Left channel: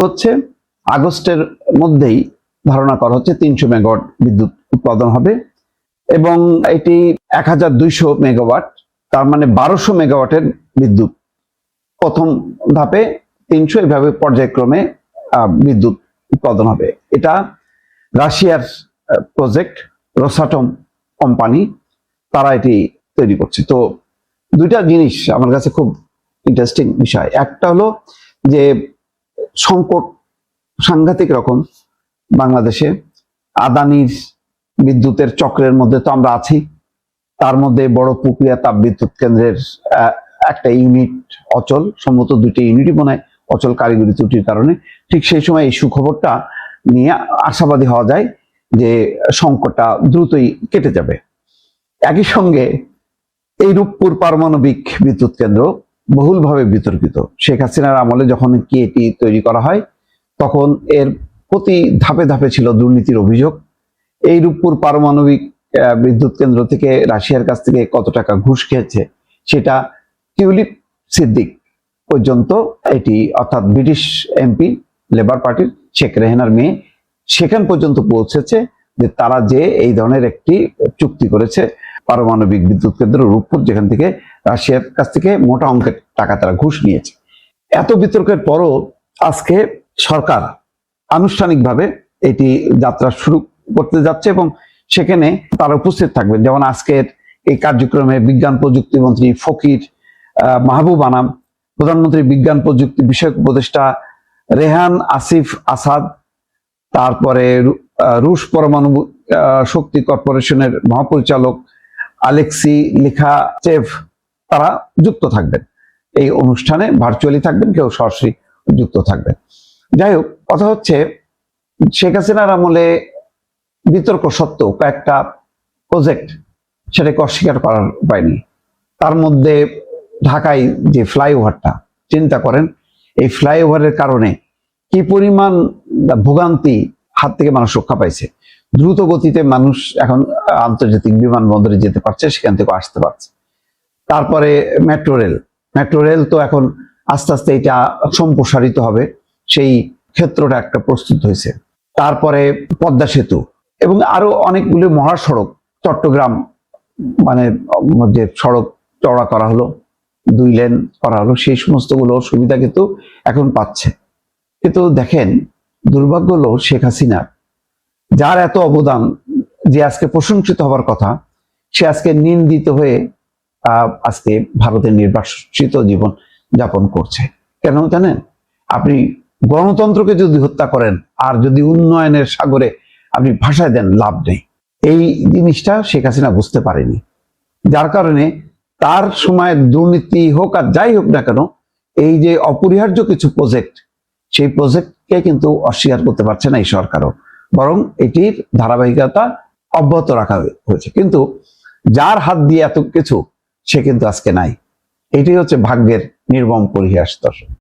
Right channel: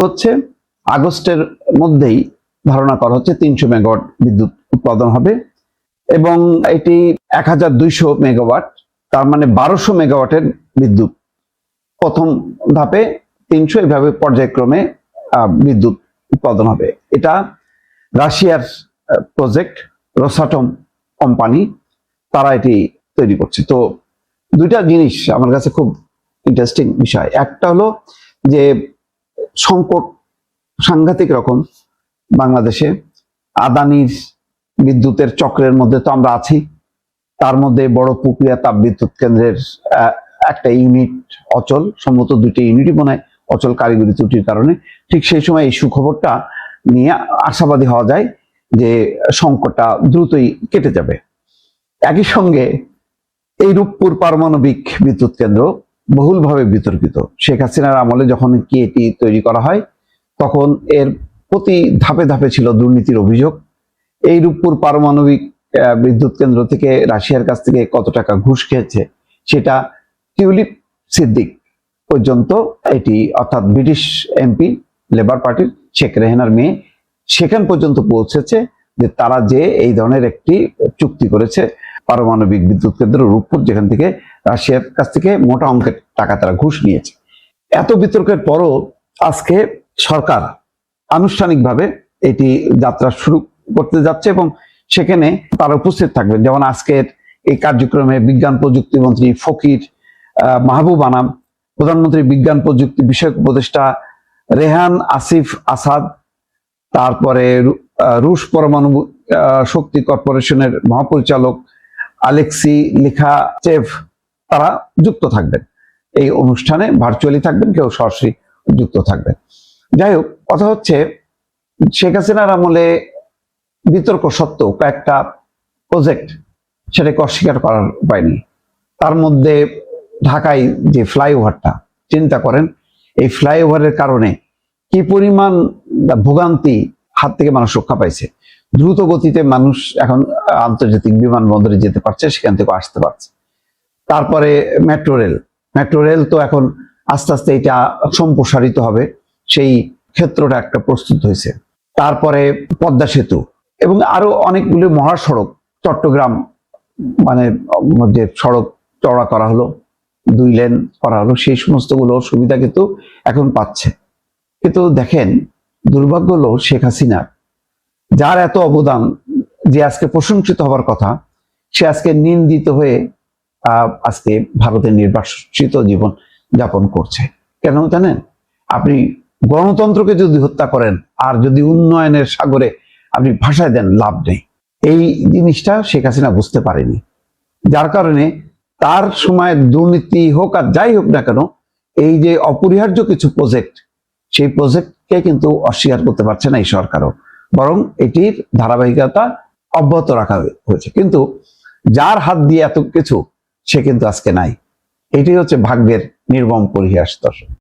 হচ্ছে আগস্টের মধ্যেই ধারণা করা হচ্ছে 300 মেগাওয়াট বিদ্যুৎ উৎপাদন হবে এবং এটি 1200 মেগাওয়াট, তার মানে 1200 মেগাওয়াটের বিদ্যুৎ প্রথম ধাপে 300, এভাবে পর্যায়ক্রমে বিদ্যুৎ উৎপাদন হবে। এটা রাশিয়ার প্রজেক্ট, রোসাটম কোম্পানি, তারা এটি তৈরি করছে। তো দুইটা জিনিস আমার কাছে খুব ইন্টারেস্টিং বিষয়। একটা হলো যে সংকট সাংঘাতিক রকম বাংলাদেশে, আদানির বিদ্যুতের চক্রের মধ্যে তো আমরা আছি, তার মধ্যে বড় প্রক্রিয়া তাপবিদ্যুৎ কেন্দ্রের একটা ইউনিট অচল, সম্ভবত 2টি ইউনিটই মনে হয় অচল কারিগরি ত্রুটির কারণে। ঠিক সেই সময় এই সুখবরটা নিয়ে আশাবাদী হওয়া যায় যে সংকটটা দ্রুতই কেটে যাবে। একই সঙ্গে এই রূপপুর পারমাণবিক বিদ্যুৎ কেন্দ্র বহুলভাবে বিতর্কিত। শেখ হাসিনার আমলে যখন কি এটি তৈরি করা হয়, তখন এর প্রতি ধাপে ধাপে ছিল দুর্নীতির অভিযোগ। এই রূপপুর পারমাণবিক বিদ্যুৎ কেন্দ্র থেকে রাশিয়ার কাছ থেকে কত টাকা ঘুষ খেয়েছে সেটা টিউলিপ সিদ্দিক পর্যন্ত, এটি অর্থাৎ ব্রিটিশ এমপি লেবার পার্টির শেখ রেহানার মেয়ে, সেখান পর্যন্ত পৌঁছেছে যে তারা যে এই ধরনের একটি চুক্তি করেছে পারমাণবিক বিদ্যুৎ কেন্দ্র রূপপুর, যেখান থেকে রাশিয়ার কাছ থেকে মোটা অঙ্কের টাকা তারা ঘুষ নিয়েছে। এত বিতর্কের পরও আজকে সরকার আনুষ্ঠানিকভাবে এটি যাত্রা শুরু করতে যাচ্ছে এবং সেখানে তারা উপস্থিত থাকবেন। যেমন আজকের এই কার্যক্রমে বিজ্ঞান প্রযুক্তি মন্ত্রী ফকির মাহবুব আনাম, প্রধানমন্ত্রী বিজ্ঞান প্রযুক্তি বিষয়ক উপদেষ্টা রেহান আসিফ আসাদ, তারপরে রুশ পরমাণু শক্তি কর্পোরেশনের মহাপরিচালক আলেক্সি লিখাচেভ, তারা যুক্ত থাকবেন এই অনুষ্ঠানে, ভার্চুয়ালি থাকবেন, কেউ সরাসরি যুক্ত থাকবেন। যাই হোক, কথা হচ্ছে শেখ হাসিনার আমলে বিতর্ক সত্ত্বেও কয়েকটা প্রজেক্ট সেটাকে অস্বীকার করার উপায় নেই। তার মধ্যে ঢাকায় যে ফ্লাইওভারটা, চিন্তা করেন এই ফ্লাইওভারের কারণে কি পরিমাণ ভোগান্তি হাত থেকে মানুষ রক্ষা পাইছে। দ্রুত গতিতে মানুষ এখন আন্তর্জাতিক বিমানবন্দরে যেতে পারছে, সেখান থেকে আসতে পারছে। তারপরে মেট্রো রেল তো এখন আস্তে আস্তে এটা সম্প্রসারিত হবে, সেই ক্ষেত্রটা একটা প্রস্তুত হয়েছে। তারপরে পদ্মা সেতু এবং আরো অনেকগুলি মহাসড়ক, চট্টগ্রাম মানে মধ্যে সড়ক চওড়া করা হলো, 2 লেন করা হলো, সেই সমস্ত গুলো সুবিধা কিন্তু এখন পাচ্ছে। কিন্তু দেখেন, দুর্ভাগ্য হলো শেখ হাসিনা, যার এত অবদান, যে আজকে প্রশংসিত হবার কথা, সে আজকে নিন্দিত হয়ে আজকে ভারতের নির্বাসিত জীবন যাপন করছে। কেন জানেন? আপনি গণতন্ত্রকে যদি হত্যা করেন আর যদি উন্নয়নের সাগরে আপনি ভাসায় দেন, লাভ নেই। এই জিনিসটা শেখ হাসিনা বুঝতে পারেনি, যার কারণে তার সময় দুর্নীতি হোক আর যাই হোক না কেন, এই যে অপরিহার্য কিছু প্রজেক্ট, সেই প্রজেক্টকে কিন্তু অস্বীকার করতে পারছে না এই সরকারও, বরং এটির ধারাবাহিকতা অব্যাহত রাখা হয়েছে। কিন্তু যার হাত দিয়ে এত কিছু, সে কিন্তু আজকে নাই। এটি হচ্ছে ভাগ্যের নির্মম পরিহাস। দর্শক।